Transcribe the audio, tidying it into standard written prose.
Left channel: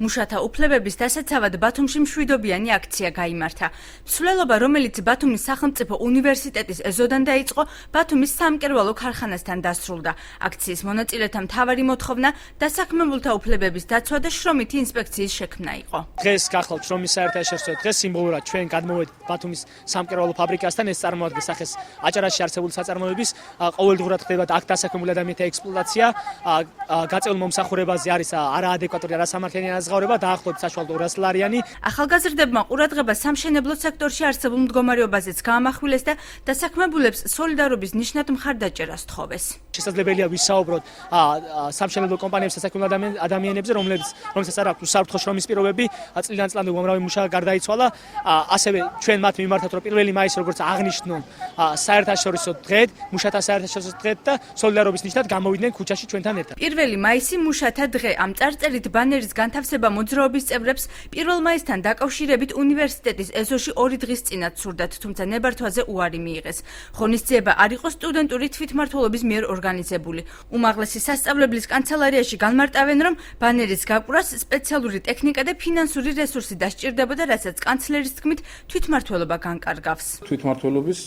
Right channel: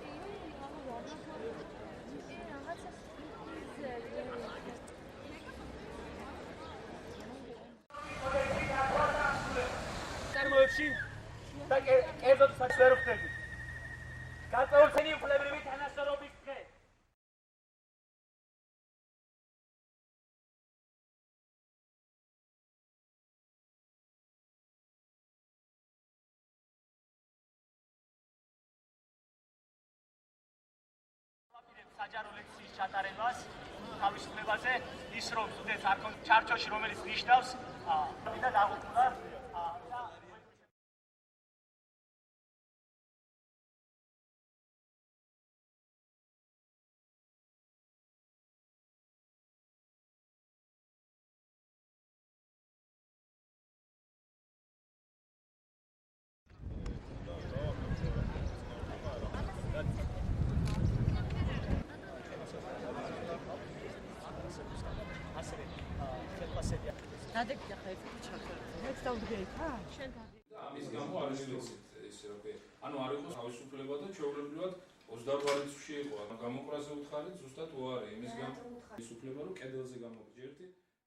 მუშათა უფლებების დასაცავად ბათუმში მშვიდობიანი აქცია გაიმართა. მსვლელობა, რომელიც ბათუმის სახელმწიფო უნივერსიტეტის ეზოდან დაიწყო, ბათუმის სამკერვალო ქარხანასთან დასრულდა. აქციის მონაწილეთა მთავარი მოთხოვნა დასაქმებულთა უფლებების დაცვა და შრომითი ინსპექციის შექმნა იყო. დღეს გახლავთ შრომის საერთაშორისო დღეს, სიმბოლურად ჩვენ გადმოვედით ბათუმის სამკერვალო ფაბრიკასთან. ეს წარმოადგენს სახეს აჭარაში არსებული საწარმოების ყოველდღურად ხდება აქ დასაქმებული ადამიანთა ექსპლუატაცია. გაწეულ მომსახურებაზე არის არაადეკვატური, არასამართლიანი განაზღაურება, დაახლოებით საშუალოდ 200 ლარიანი. ახალგაზრდებმა ყურადღება სამშენებლო სექტორში არსებულ მდგომარეობაზეც გაამახვილეს და დასაქმებულებს სოლიდარობის ნიშნად მხარდაჭერას თხოვეს. შესაძლებელია ვისაუბროთ სამშენებლო კომპანიებს დასაქმებულ ადამიანებზე, რომლებსაც არ აქვს უსაფრთხო შრომის პირობები, წლიდან წლამდე უამრავი მუშა გარდაიცვალა. ასევე ჩვენ მათ მიმართოთ, რომ 1 მაისი, როგორც აღნიშნულ საერთაშორისო დღედ, მუშათა საერთაშორისო დღედ და სოლიდარობის ნიშნად გამოვიდნენ ქუჩაში ჩვენთან ერთად. 1 მაისი მუშათა დღე. ამ წარწერით ბანერის განთავსება მოძრაობის წევრებს 1 მაისთან დაკავშირებით უნივერსიტეტის ეზოში 2 დღის წინათ სურდათ, თუმცა ნებართვაზე უარი მიიღეს. ღონისძიება არ იყო სტუდენტური თვითმმართველობის მიერ ორგანიზებული. უმაღლესი სასწავლებლის კანცელარიაში განმარტავენ, რომ ბანერის გაყვრას სპეციალური ტექნიკა და ფინანსური რესურსი დასჭირდებოდა, რასაც კანცლერის თქმით თვითმმართველობა განკარგავს. თვითმმართველობის